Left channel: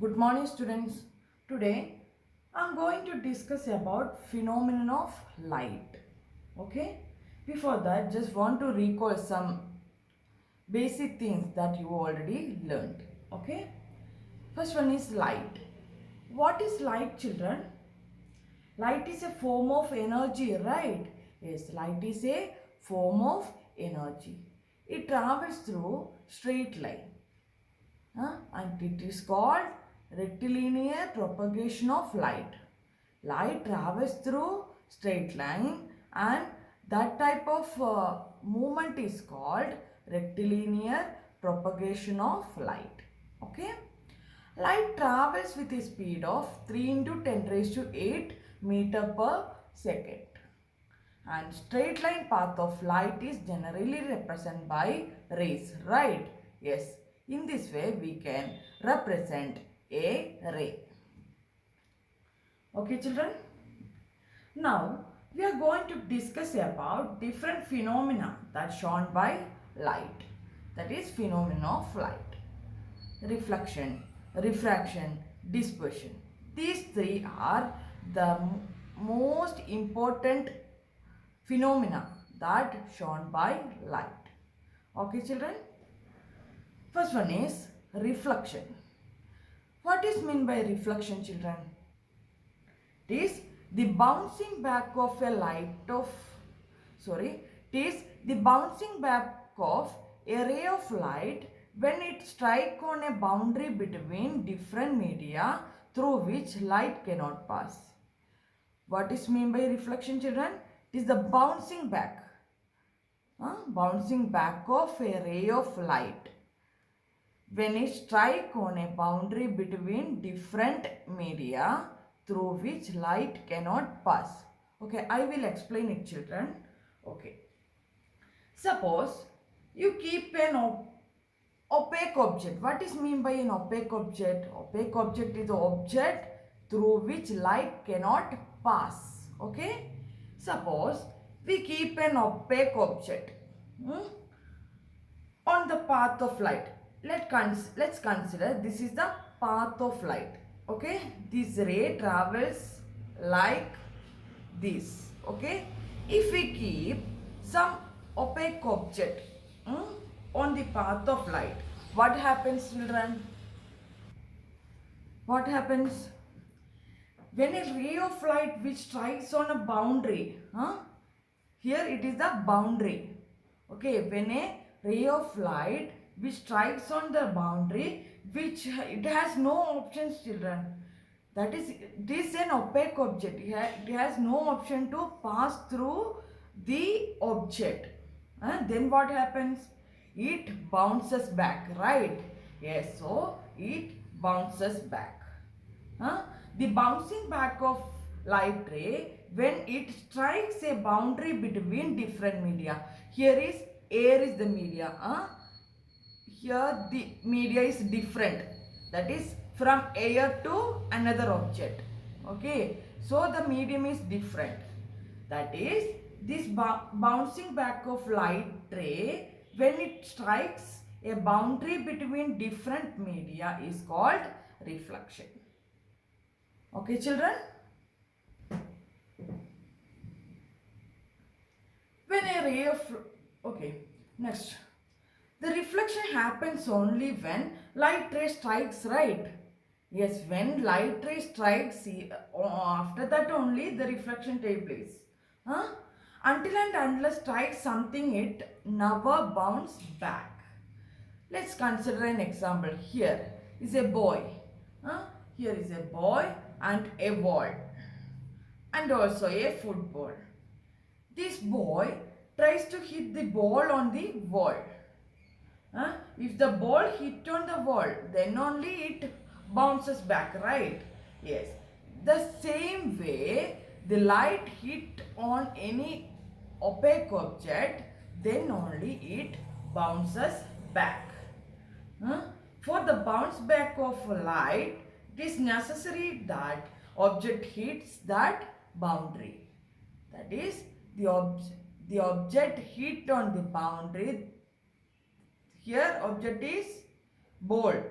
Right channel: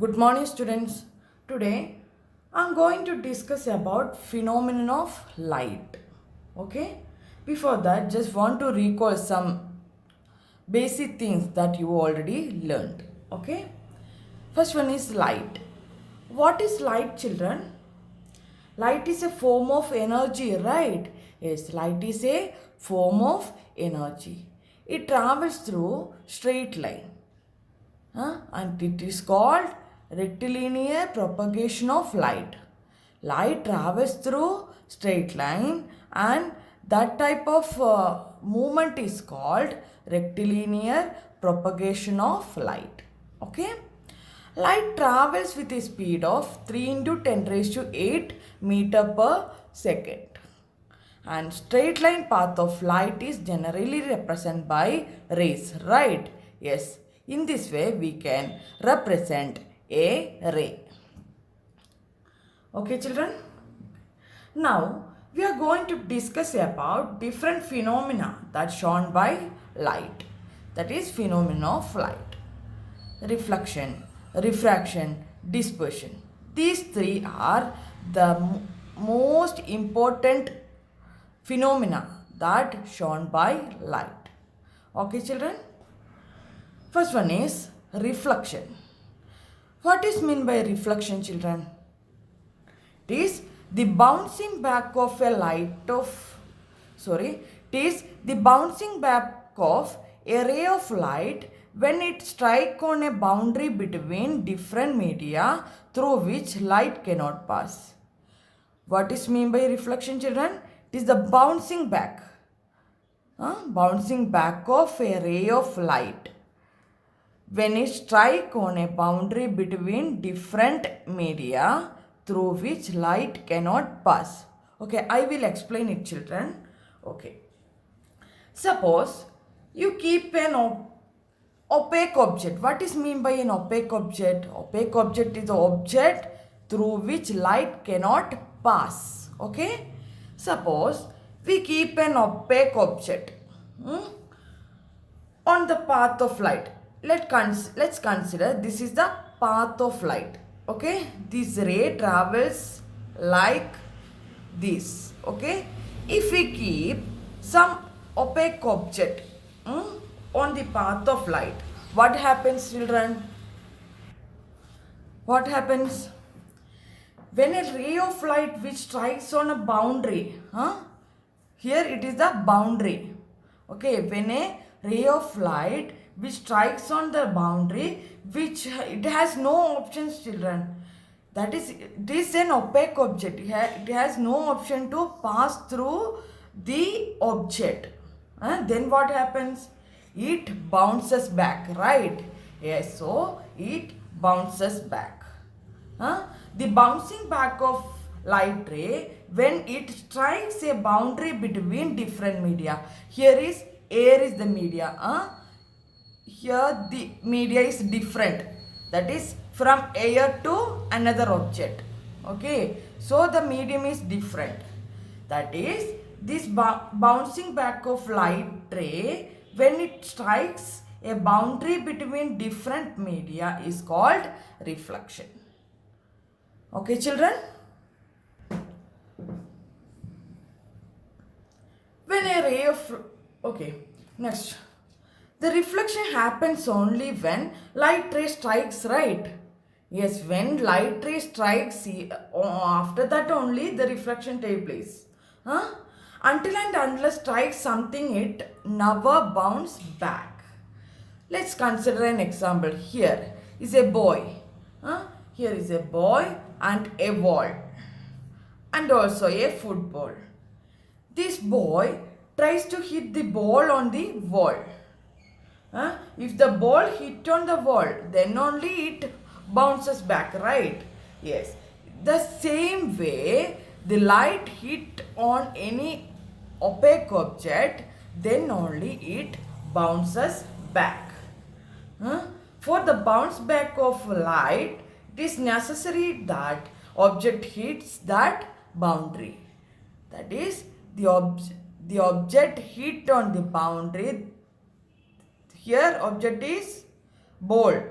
Good morning students. Today I'm going to discuss about phenomenon of light. Okay? Before that just want to recall some basic things that you already learned. Okay? First one is light. What is light, children? Light is a form of energy, right? Yes, light is a form of energy. It travels through straight line. And it is called rectilinear propagation of light. Light travels through straight line and that type of movement is called rectilinear propagation of light. Okay. Light travels with a speed of 3 into 10 raised to 8 meter per second. And straight line path of light is generally represented by rays, right? Yes, in this way we can represent a ray. Okay children? Now we are going to discuss about different phenomena that shown by light. That is phenomena of light. Reflection, refraction, dispersion. These three are the most important phenomena that shown by light. Okay children? First one is reflection. What is meant by reflection, children? It is the bouncing back of a ray of light when it strikes on a boundary between different media through which light cannot pass. What is meant by reflection, children? It is the bouncing back of a ray of light when it strikes on a boundary between different media through which light cannot pass. Okay, I will explain it, children. Okay. Suppose you keep an opaque object. What is mean by an opaque object? Opaque object is the object through which light cannot pass. Okay. Suppose we keep an opaque object on the path of light. Let's consider this is the path of light. Okay, this ray travels like this. Okay, if we keep some opaque object on the path of light, what happens, children? What happens when a ray of light which strikes on a boundary? Here it is the boundary. Okay, when a ray of light which strikes on the boundary, which it has no options, children. That is, it is an opaque object. It has no option to pass through the object. Then what happens? It bounces back, right? Yes, so it bounces back. The bouncing back of light ray when it strikes a boundary between different media. Here is air is the media. Here the media is different, that is from air to another object. Okay, so the medium is different, that is this bouncing back of light ray when it strikes a boundary between different media is called reflection. Okay children? When a ray of next, the reflection happens only when light ray strikes, right? Yes, when light ray strikes, after that only the reflection takes place. Until and unless strikes something, it never bounces back. Let's consider an example. Here is a boy. Here is a boy and a wall and also a football. This boy tries to hit the ball on the wall. If the ball hit on the wall, then only it bounces back, right? Yes. The same way, the light hit on any opaque object, then only it bounces back. For the bounce back of light, it is necessary that object hits that boundary. That is, the object hit on the boundary. Here object is ball.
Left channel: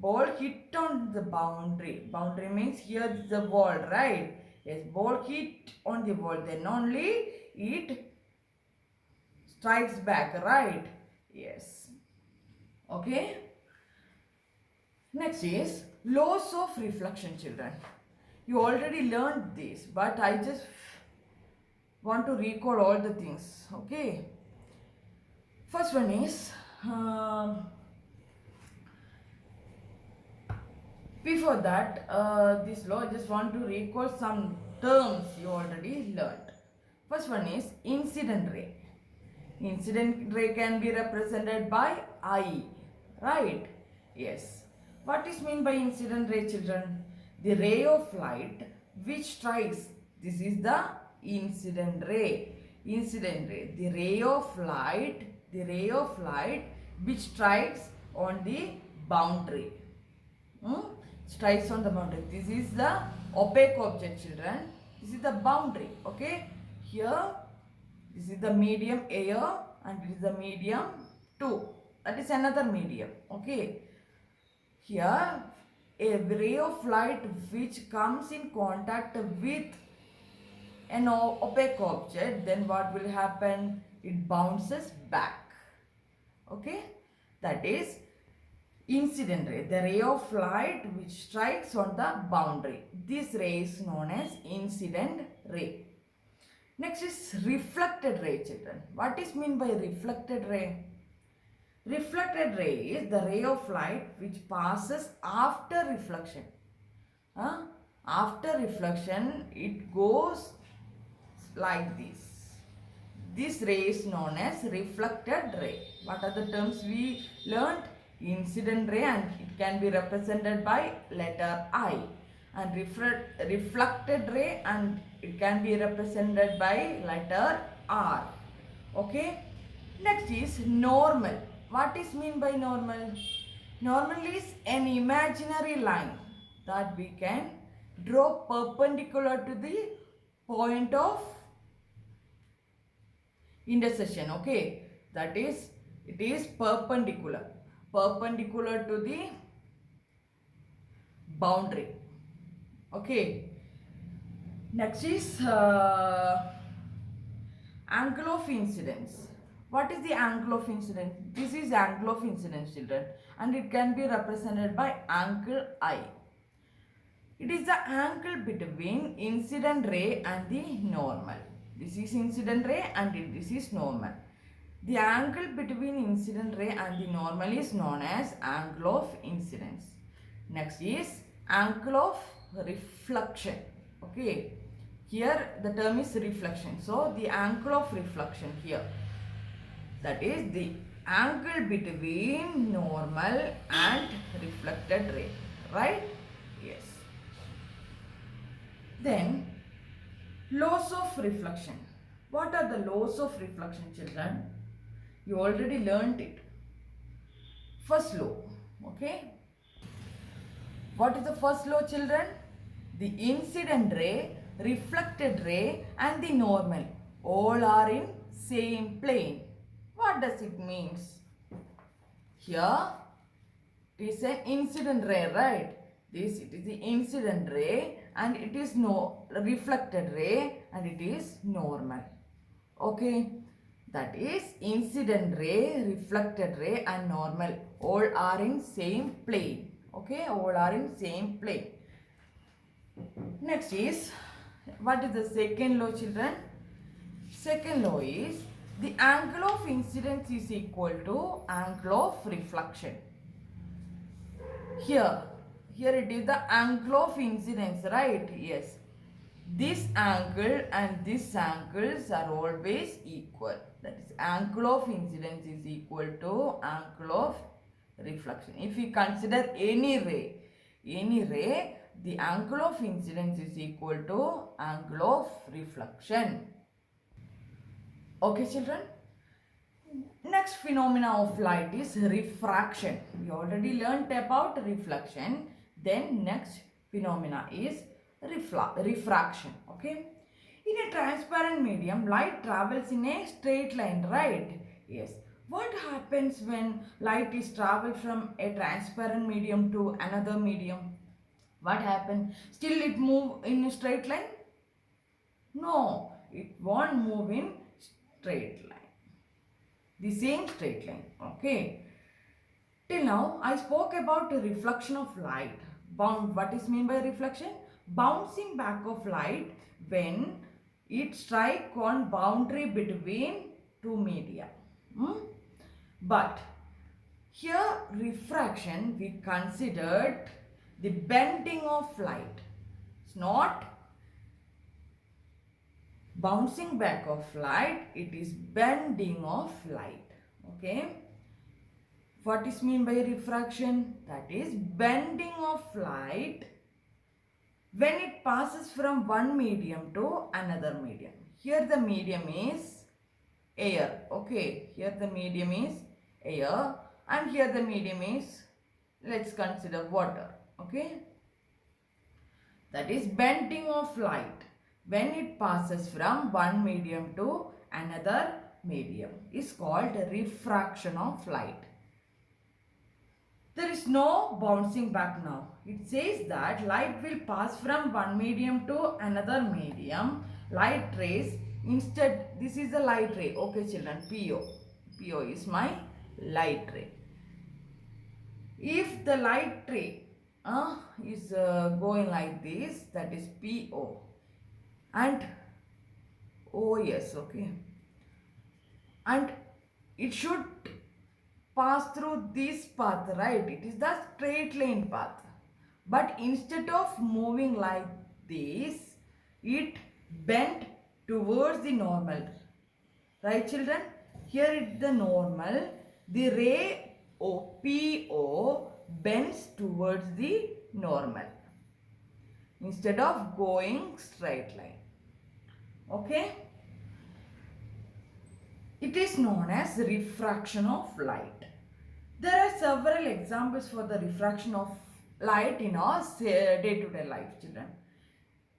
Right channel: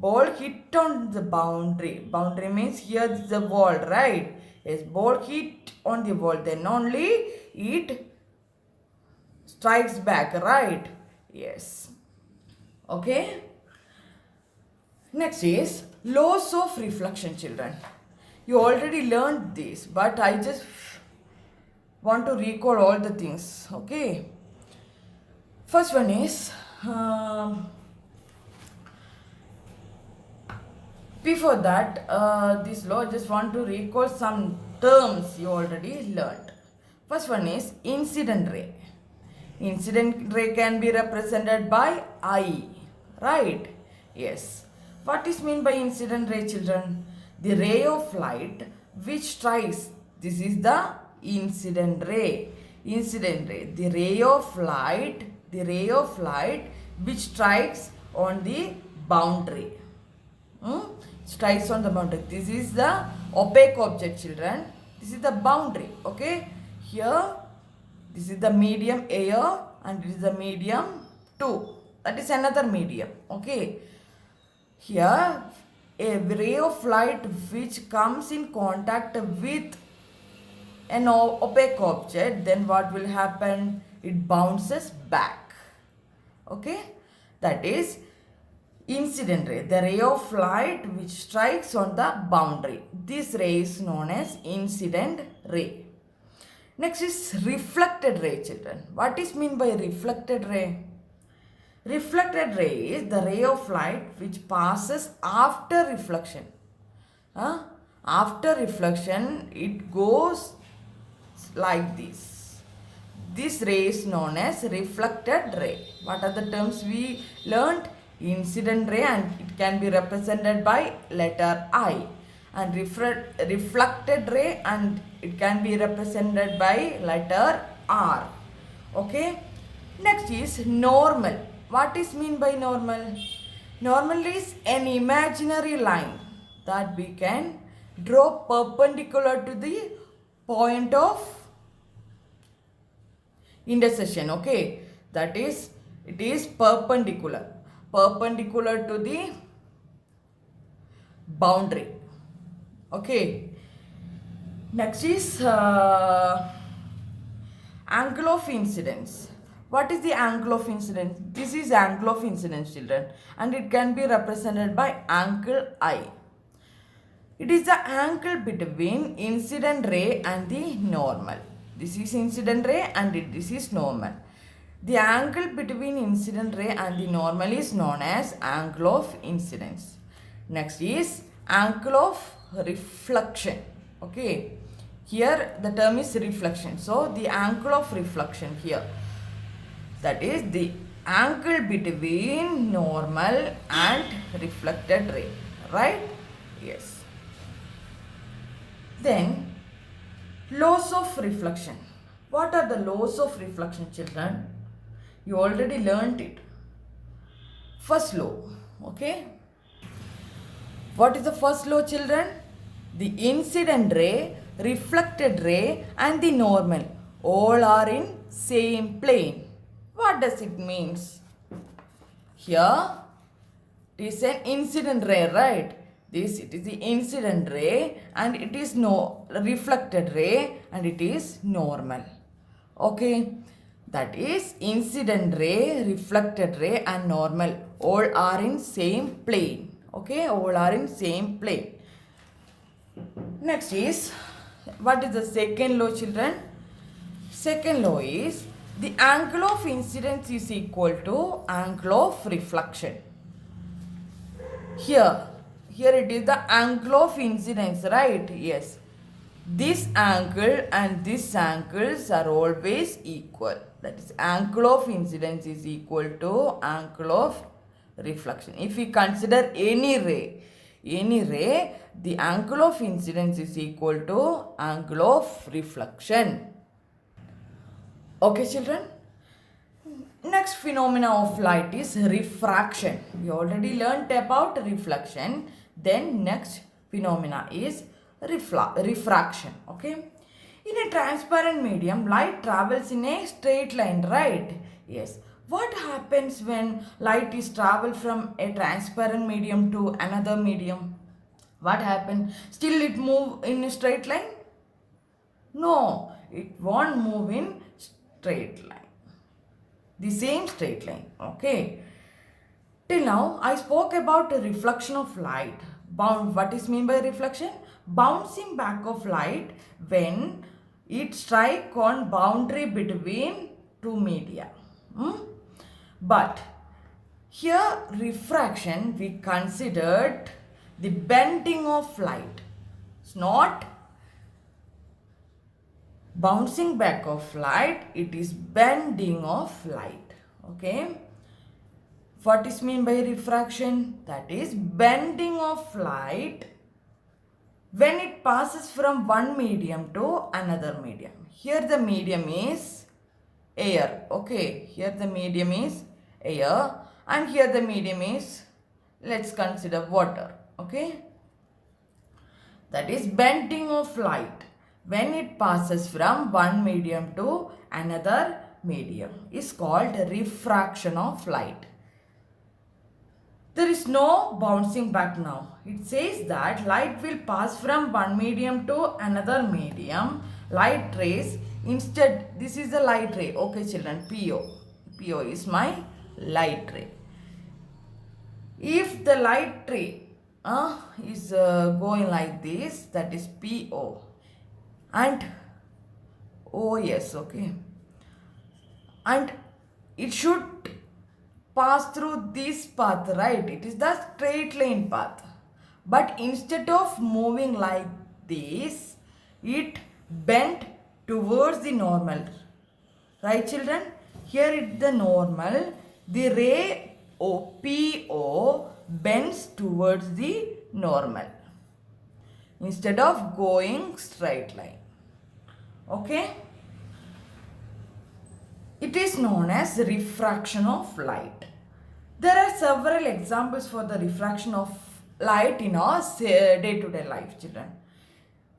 Ball hit on the boundary. Boundary means here is the wall, right? Yes, ball hit on the wall. Then only it strikes back, right? Yes. Okay. Next is laws of reflection, children. You already learned this, but I just want to recall all the things. Okay. First one is before that, this law, I just want to recall some terms you already learned. First one is incident ray. Incident ray can be represented by I, right? Yes. What is meant by incident ray, children? The ray of light which strikes. This is the incident ray. Incident ray. The ray of light which strikes on the boundary. Strikes on the boundary. This is the opaque object, children. This is the boundary. Okay. Here, this is the medium air and this is the medium 2. That is another medium. Okay. Here, a ray of light which comes in contact with an opaque object, then what will happen? It bounces back. Okay. That is incident ray, the ray of light which strikes on the boundary. This ray is known as incident ray. Next is reflected ray, children. What is meant by reflected ray? Reflected ray is the ray of light which passes after reflection. After reflection, it goes like this. This ray is known as reflected ray. What are the terms we learned? Incident ray, and it can be represented by letter I. And reflected ray, and it can be represented by letter R. Okay. Next is normal. What is mean by normal? Normal is an imaginary line that we can draw perpendicular to the point of intersection. Okay. That is, it is perpendicular to the boundary. Okay. Next is angle of incidence. What is the angle of incidence? This is angle of incidence, children, and it can be represented by angle I. It is the angle between incident ray and the normal. This is incident ray and this is normal. The angle between incident ray and the normal is known as angle of incidence. Next is angle of reflection. Okay. Here the term is reflection. So the angle of reflection here, that is the angle between normal and reflected ray. Right? Yes. Then laws of reflection. What are the laws of reflection, children? You already learnt it. First law. Okay. What is the first law, children? The incident ray, reflected ray and the normal all are in same plane. What does it means? Here it is an incident ray, right? This, it is the incident ray and it is no reflected ray and it is normal. Okay. That is incident ray, reflected ray and normal all are in same plane. Okay. All are in same plane. Next is, what is the second law, children? Second law is the angle of incidence is equal to angle of reflection. Here it is the angle of incidence, right? Yes. This angle and this angles are always equal. That is, angle of incidence is equal to angle of reflection. If we consider any ray, the angle of incidence is equal to angle of reflection. Okay, children. Next phenomena of light is refraction. We already learnt about reflection. Then next phenomena is refraction. Okay. In a transparent medium, light travels in a straight line, right? Yes. What happens when light is travel from a transparent medium to another medium? What happens? Still it move in a straight line? No, it won't move in straight line. The same straight line. Okay. Till now, I spoke about the reflection of light. What is mean by reflection? Bouncing back of light when it strike on boundary between two media. But here refraction we considered the bending of light. It's not bouncing back of light, it is bending of light. Okay. What is mean by refraction? That is bending of light when it passes from one medium to another medium. Here the medium is air. Okay, here the medium is air and here the medium is, let's consider, water. Okay, that is bending of light when it passes from one medium to another medium is called refraction of light. There is no bouncing back now. It says that light will pass from one medium to another medium. Light rays, instead, this is the light ray. Okay children, PO. PO is my light ray. If the light ray is going like this, that is PO. And OS, okay. And it should pass through this path, right? It is the straight line path. But instead of moving like this, it bent towards the normal. Right children? Here is the normal. The ray PO bends towards the normal instead of going straight line. Okay? It is known as refraction of light. There are several examples for the refraction of light in our day-to-day life, children.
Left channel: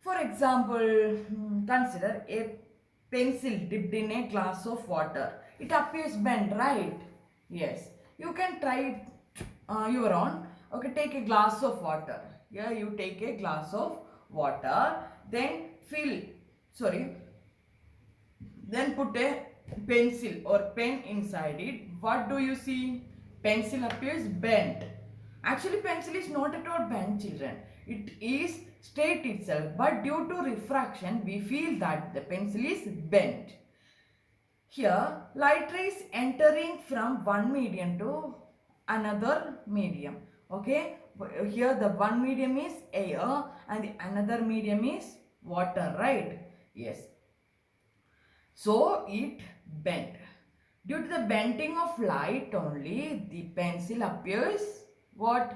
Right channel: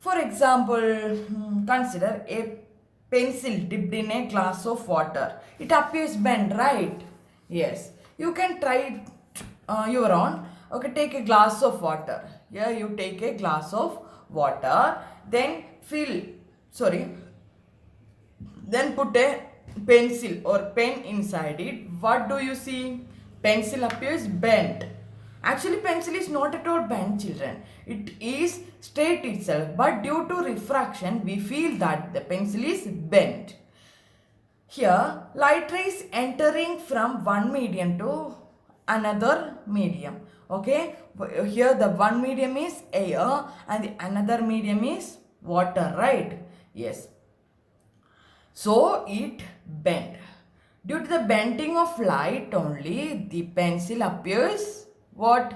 For example, consider a pencil dipped in a glass of water. It appears bent, right? Yes. You can try it your own. Okay, take a glass of water. Here you take a glass of water. Then then put a pencil or pen inside it. What do you see? Pencil appears bent. Actually, pencil is not at all bent, children. It is straight itself. But due to refraction, we feel that the pencil is bent. Here, light rays entering from one medium to another medium. Okay. Here the one medium is air and the another medium is water, right? Yes. So, it bent. Due to the bending of light only, the pencil appears what?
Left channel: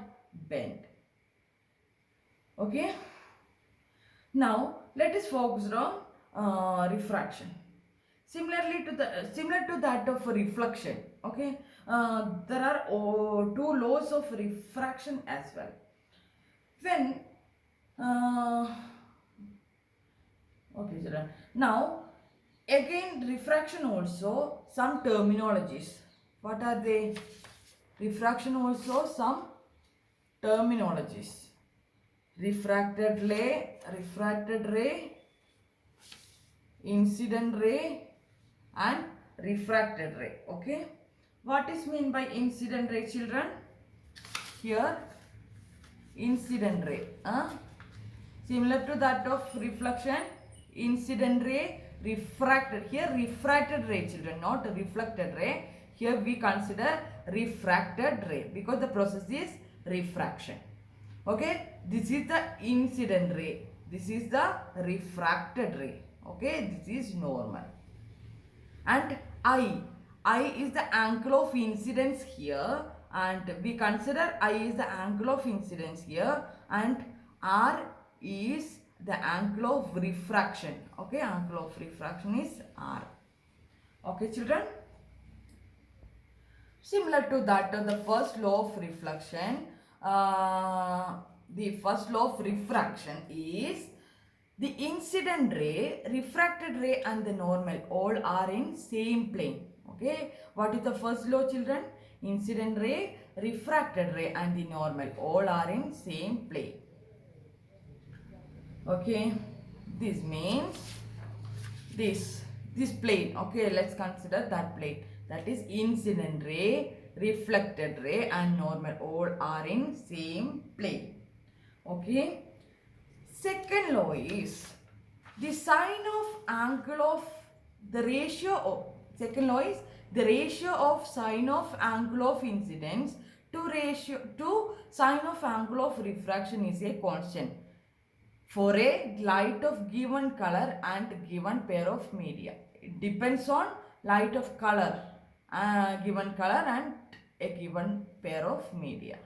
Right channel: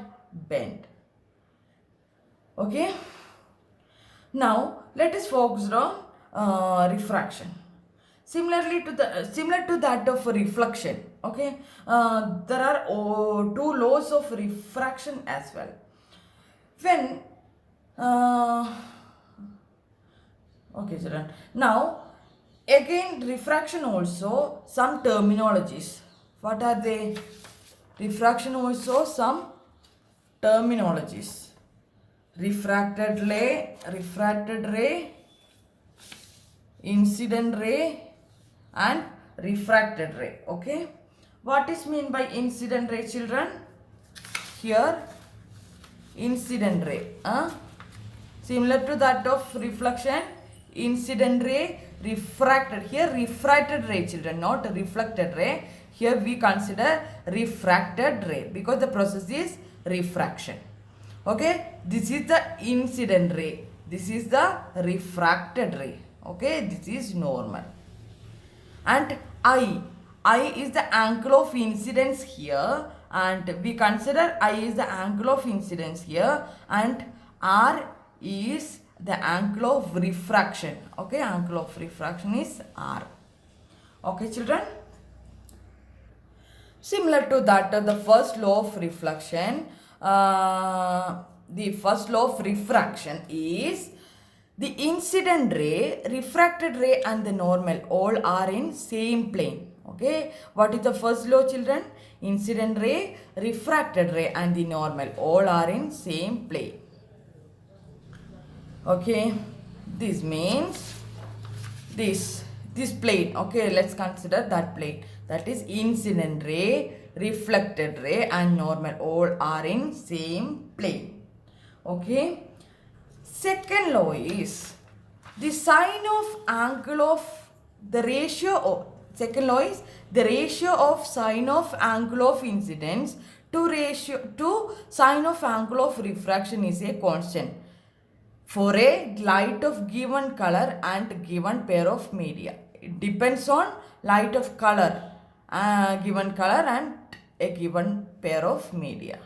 Bent. Okay. Now, let us focus on refraction. Similar to that of reflection. Okay. There are two laws of refraction as well. When okay, children. Now, again, refraction also some terminologies. What are they? Refraction also some terminologies. Refracted ray, incident ray and refracted ray. Okay. What is mean by incident ray, children? Here, incident ray. Similar to that of reflection, incident ray, refracted. Here refracted ray, children, not reflected ray. Here we consider refracted ray because the process is refraction. Okay, this is the incident ray. This is the refracted ray. Okay, this is normal. And I is the angle of incidence here, and we consider I is the angle of incidence here, and R is the angle of refraction. Okay, angle of refraction is R. Okay, children. Similar to that, the first law of reflection, the first law of refraction is the incident ray, refracted ray and the normal all are in same plane. Okay, what is the first law, children? Incident ray, refracted ray and the normal all are in same plane. Okay, this means this plane. Okay, let's consider that plane. That is incident ray, reflected ray and normal all are in same plane. Okay, second law is the sign of angle of the ratio of, second law is the ratio of sign of angle of incidence to sign of angle of refraction is a constant for a light of given color and given pair of media. It depends on light of color, given color and a given pair of media.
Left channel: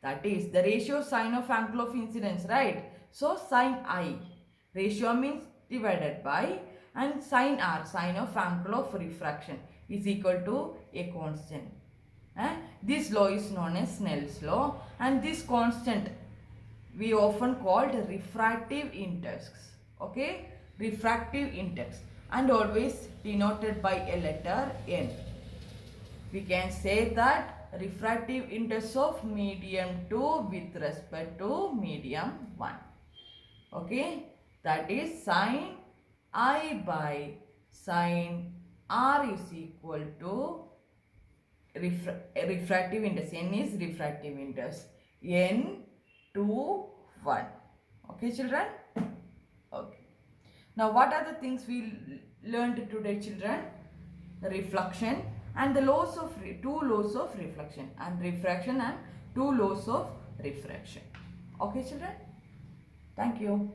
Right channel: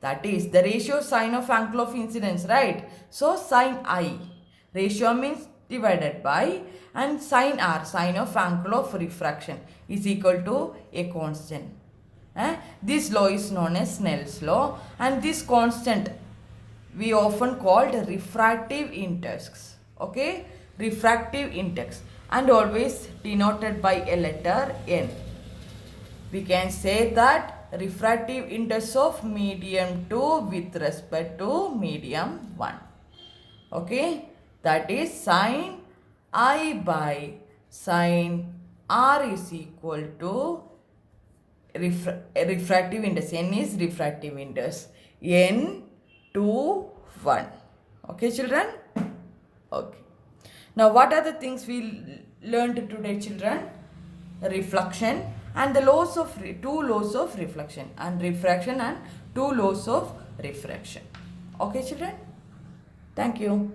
That is the ratio sine of angle of incidence, right? So sine I, ratio means divided by, and sine R, sine of angle of refraction is equal to a constant. This law is known as Snell's law, and this constant we often called refractive index. Okay, refractive index, and always denoted by a letter N. We can say that refractive index of medium 2 with respect to medium 1. Okay, that is sine I by sine R is equal to refractive index. N is refractive index. N 2 1. Okay, children? Okay. Now, what are the things we learned today, children? Reflection and the laws of two laws of reflection and refraction and two laws of refraction. Okay, children? Thank you.